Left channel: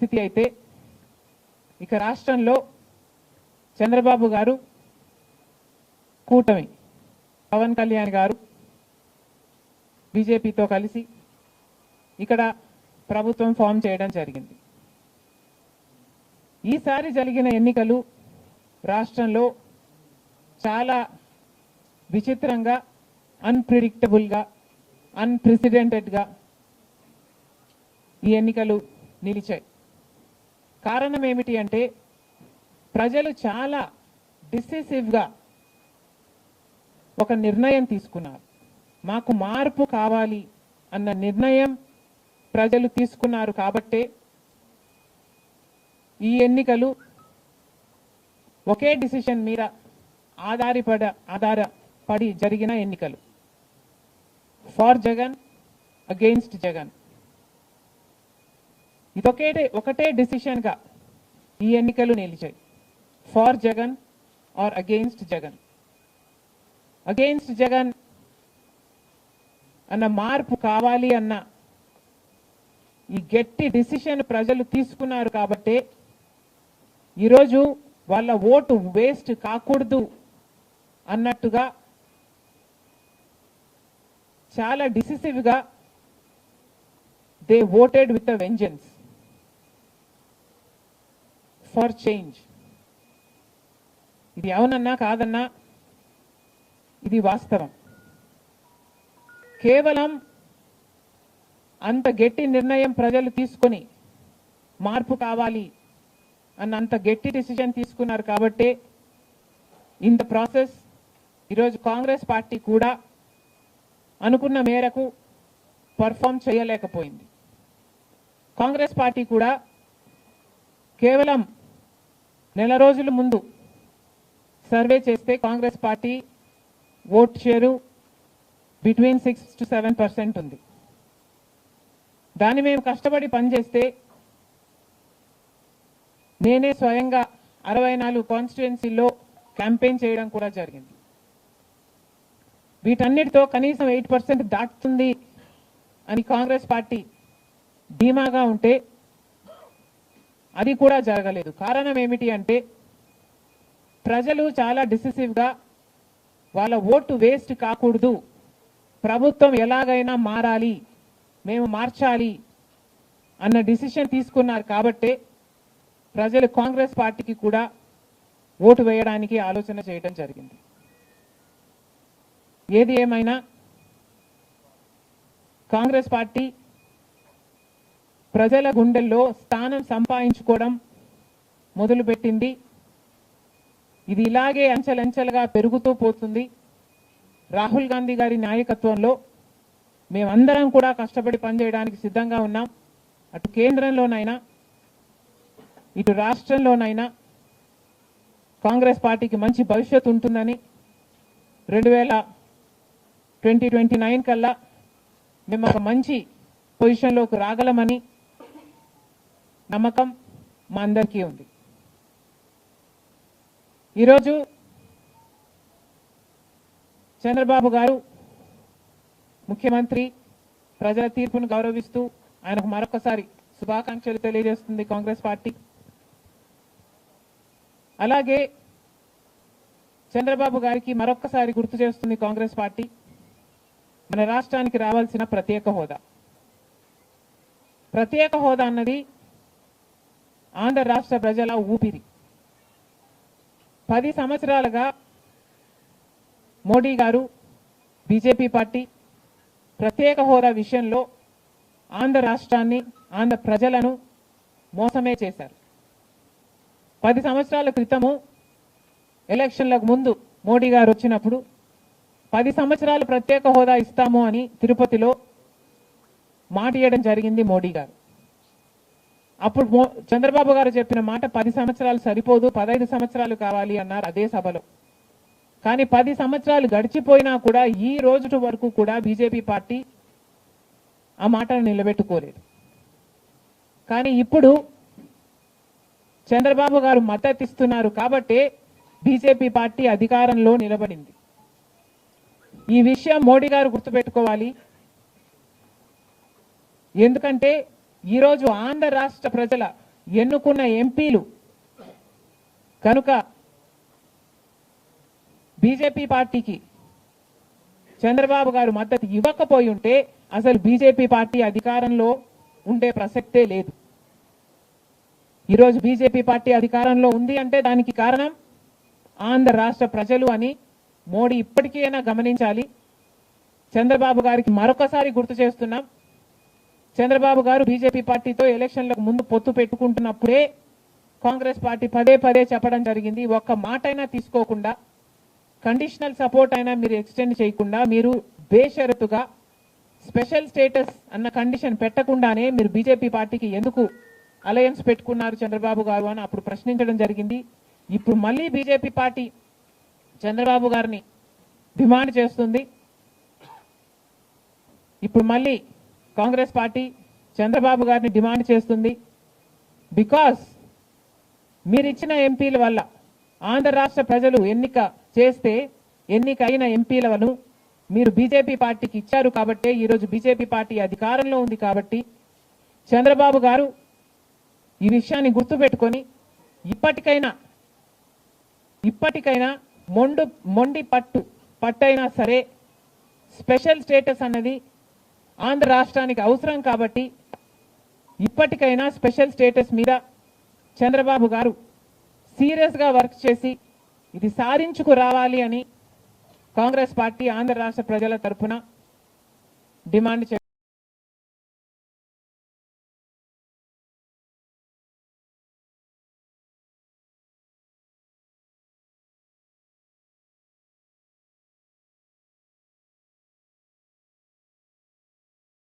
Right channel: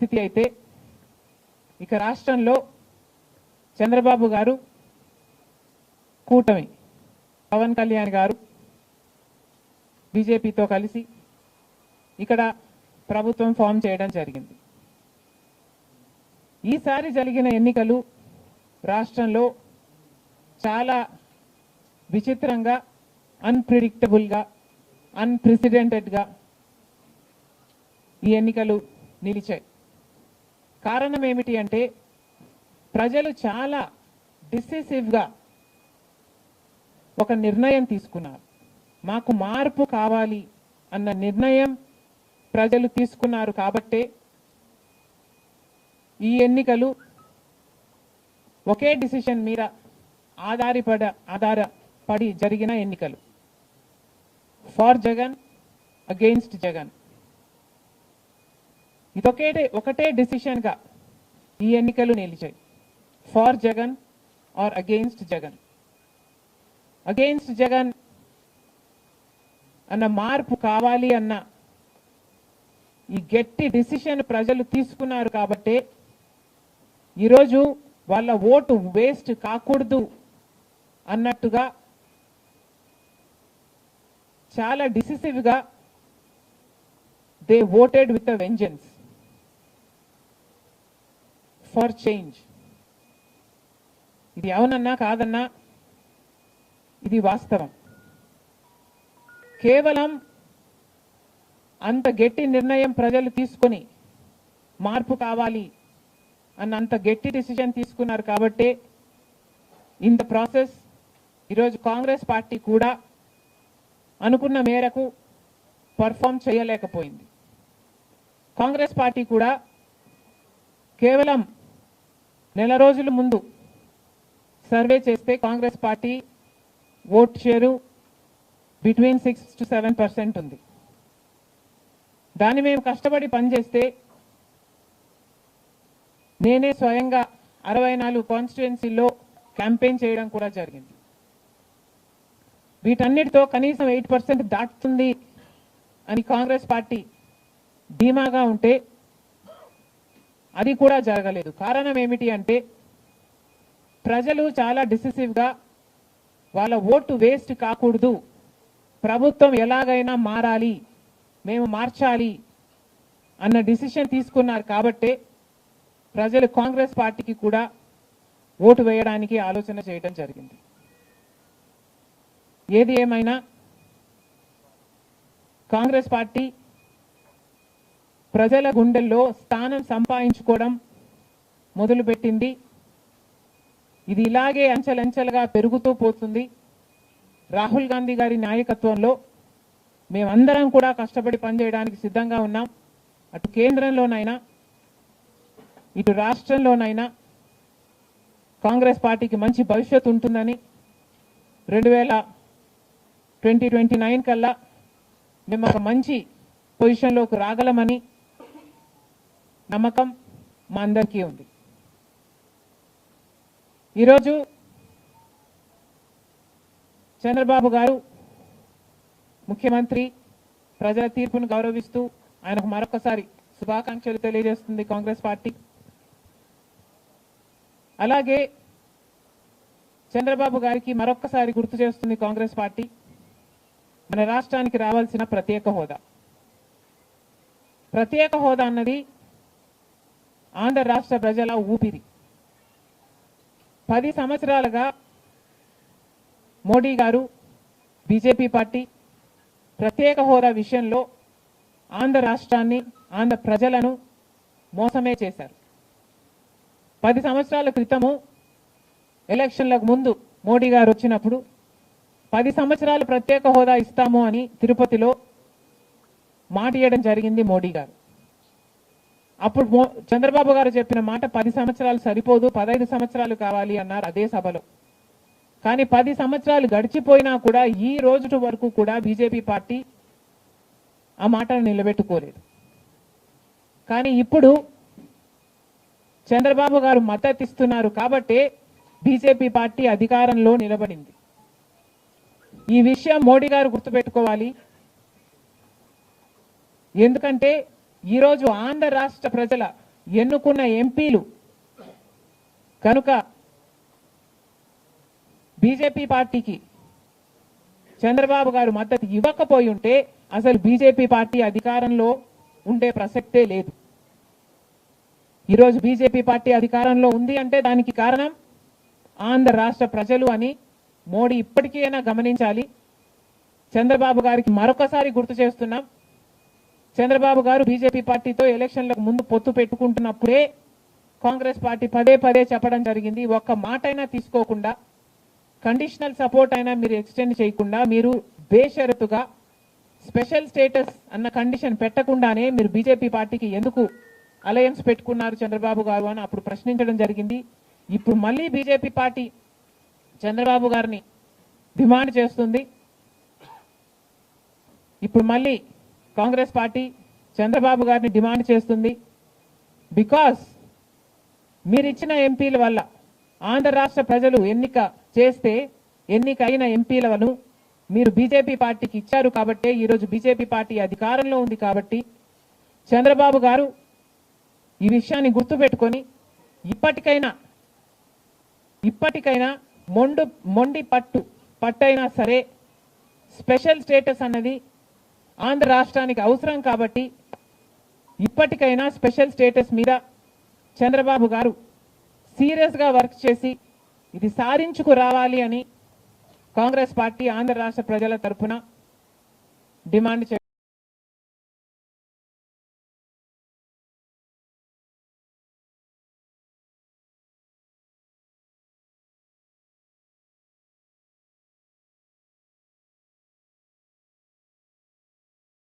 పరిస్థితి అయితే ఇక రాష్ట్రంలో చంద్రబాబు గారు కూటమి పవన్ కళ్యాణ్ గారు బీజేపీతో కలిసి ఇక్కడ ప్రభుత్వం ఫామ్ చేయడం జరిగింది. ఈసారి జరిగిన ఎన్నికలు రాష్ట్రంలో చాలా విచిత్రంగా అన్ప్రిడిక్టబుల్గా అన్ప్రెసిడెంటెడ్గా అన్ప్రెసిడెంటెడ్గా ఈ ఎన్నికలు నిలిచాయి. కారణం ఏమిటి అంటే ప్రజలు చాలా డిసెసివ్గా ఒక నిర్ణయం తీసుకున్నారు. మాకు మార్పు కావాలి అన్న నిర్ణయం ప్రజలు తీసుకున్నారు కాబట్టే ఈ ఎన్నికలు ఒకే డిసిషన్ మీద ఆధారపడ ఆధారపడి జరిగిన ఎన్నికలు. For Jagan against Jagan. ఇదొకే ఒకటే డిసిషన్గా ఈ ఎన్నికలు నిలిచాయి. For Jagan or against Jagan. Against Jagan అన్న మార్పు కావాలి అన్న ఈ గట్టి డిసిషన్ ప్రజలు తీసుకున్నారు కాబట్టి ఈరోజు వాళ్ళ ఓటు వేస్ట్ కాకూడదు అన్నట్టుగా చాలా డిసిసివ్గా they voted with a vengeance. For change. ఇది అవునన్నా కాదన్నా ఇది వాస్తవం. కేవలం అంత గట్టి నిర్ణయం ప్రజలు తీసుకొని మార్పు కావాలి అన్న అంత గట్టి డిసిజన్ తీసుకున్నారు కాబట్టి ఇన్ ద ప్రాసెస్ ఈరోజు కాంగ్రెస్ పార్టీ కూడా అనుకున్న మేరకు పర్ఫామ్ చేయలేకపోయింది. కాంగ్రెస్ పార్టీ కూడా కేవలం నెల రోజుల ముందు సర్వే చేస్తే Congress party vote share between six to seven percent ఉంది. దాన్ని మేము కష్టపడి పనిచేస్తే నేనే స్వయంగా అరవై నాలుగు కాన్స్టిట్యుయెన్సీల్లో క్యాంపెయిన్ చేయడం కూడా జరిగింది. వీటన్నిటితో కనీసం ఎయిట్ పర్సెంట్ దాటుతుంది అని కాంగ్రెస్ పార్టీ ధీమాగా ఉంటే అది కూడా జరగలేదు. కారణం ఏమిటి అంటే ప్రజలు చాలా డిసిసివ్గా వాళ్ళ ఓటు వేస్ట్ కాకూడదు. ప్రభుత్వం ఎలాగైనా మారాలి మేము మార్చాలి అన్న డిసిషన్ తీసుకున్నారు కాబట్టే ప్రజలు కాంగ్రెస్ పార్టీకి కూడా ఓటు వేయడానికి ఆలోచన చేయడం జరిగింది. ఏది ఏమైనా కాంగ్రెస్ పార్టీ ప్రజల గుండెల్లో స్థానం సంపాదించుకోవడం మొదలుపెట్టింది. ఇది ఇలాగే అంచెలంచెలుగా పెరుగుతూ పోతుంది. రాహుల్ గాంధీ గారి నాయకత్వంలో మేమందరం కూడా కష్టపడి పనిచేయడానికి సిద్ధంగా ఉన్నాం. అటు కేంద్రంలోనైనా ఇటు రాష్ట్రంలోనైనా కాంగ్రెస్ పార్టీకి మంచి భవిష్యత్తు ఉంటుందని రెండు వేల ట్వంటీ ట్వంటీ నైన్ కల్లా మేము ఒక మంచి పొజిషన్లోకి రాగలమని నమ్మకం మా అందరికీ ఉంది. ఈరోజు చంద్రబాబు గారు ముఖ్యమంత్రి ప్రజల తీర్పును గౌరవిస్తూ ఆయనకు మరొకసారి శుభాకాంక్షలు తెలియజేస్తుంది కాంగ్రెస్ పార్టీ. అలాగే చంద్రబాబు గారికి మరొకసారి గుర్తు చేస్తుంది కాంగ్రెస్ పార్టీ. మన రాష్ట్రానికి రావాల్సిన ప్రత్యేక హోదా. ప్రత్యేక హోదా అన్నది ఆంధ్ర రాష్ట్ర ప్రజల ఊపిరి. పది సంవత్సరాలుగా మోడీ గారు బీజేపీ పార్టీ ప్రత్యేక హోదా విషయంలో ఆంధ్ర రాష్ట్రాన్ని ఆంధ్ర ప్రజలను మోసమే చేశారు. పది సంవత్సరాల క్రితము ఎలక్షన్లకు ముందు మోడీ గారు వచ్చినప్పుడు పది సంవత్సరాలు ప్రత్యేక హోదా ఇస్తాము అని తిరుపతిలో మాట ఇవ్వడం జరిగింది మోడీ గారు. అప్పుడు చంద్రబాబు గారు చెప్పిన మాట పది సంవత్సరాలు సరిపోదు పదహైదు సంవత్సరాలు కావాలి అన్నారు అదే సభలో. కానీ పది సంవత్సరాలు గడిచిపోయినా కూడా ఈ రోజు వరకు కూడా బీజేపీ పార్టీ ఆ మాటను నిలబెట్టుకోలేదు. కానీ ఇప్పుడు చంద్రబాబు గారు మద్దతు ఇస్తున్నారు కాబట్టే బీజేపీ పార్టీ అధికారంలో నిలబడింది. ఈ విషయం మోడీ గారు గుర్తుపెట్టుకోవాలి. ఎందుకంటే ఈరోజు ఆంధ్ర రాష్ట్ర ప్రజల ఎన్నుకున్న ఎంపీలు కనుక బీజేపీ పార్టీకి చంద్రబాబు గారు మద్దతు ఇవ్వకపోయి ఉంటే అసలు బీజేపీ పార్టీ అధికారంలో ఉండే ప్రసక్తే లేదు. ఈరోజు బీజేపీ పార్టీ అధికారంలో ఉంది అంటే దానికి కారణం ఆంధ్ర రాష్ట్ర ప్రజలు అని మోడీ ఇప్పటికైనా గమనించాలి. చంద్రబాబు గారికి మరొకసారి గుర్తు చేస్తున్నాం. చంద్రబాబు గారు బీజేపీ పార్టీతో ఎలక్షన్లకు ముందు పొత్తు పెట్టుకుంటున్నప్పుడే కాంగ్రెస్ పార్టీ పదే పదే చెప్పడం జరిగింది. ఒక్క మాట అయినా తీసుకోకుండా కండిషనల్ సపోర్ట్ అయినా మీరు ఎక్స్టెండ్ చేయకుండా మీరు బేషరతుగా స్పెషల్ స్టేటస్ అన్న కండిషన్ పెట్టకుండానే మీరు బీజేపీ పార్టీకి ఎందుకు అలయన్స్ పెట్టుకున్నారు చంద్రబాబు గారు అని అప్పుడు ప్రశ్నించడం జరిగింది. ఇప్పుడు మళ్ళీ బీజేపీ పార్టీ చంద్రబాబు గారిని డిమాండ్ చేస్తుంది. ఇప్పుడు మళ్ళీ కాంగ్రెస్ పార్టీ చంద్రబాబు గారిని డిమాండ్ చేస్తుంది. బికాస్ మీరు ఇచ్చిన ఎంపీల వల్ల ఆంధ్ర రాష్ట్ర ప్రజలు ఎన్నిక చేస్తే ఎన్నికైన ఎంపీలను మీరు బీజేపీ పార్టీకి ఇచ్చారు కాబట్టే ఈరోజు బీజేపీ పార్టీ అధికారంలో ఉంది కాబట్టి చంద్రబాబు గారు ఈ విషయాన్ని గుర్తుపెట్టుకొని ఇప్పటికైనా ఇప్పటికైనా మొండు మొండి పట్టు పట్టైనా సరే స్పెషల్ స్టేటస్ అన్నది ఆంధ్ర రాష్ట్రానికి అవసరం కాబట్టి ఇప్పటికైనా స్పెషల్ స్టేటస్ మీద చంద్రబాబు గారు సీరియస్గా వర్క్ చేసి ఇది సాధించుకు రావాలి అని కాంగ్రెస్ పార్టీ ఆంధ్ర రాష్ట్ర ప్రజల తరఫున డిమాండ్ చేస్తుంది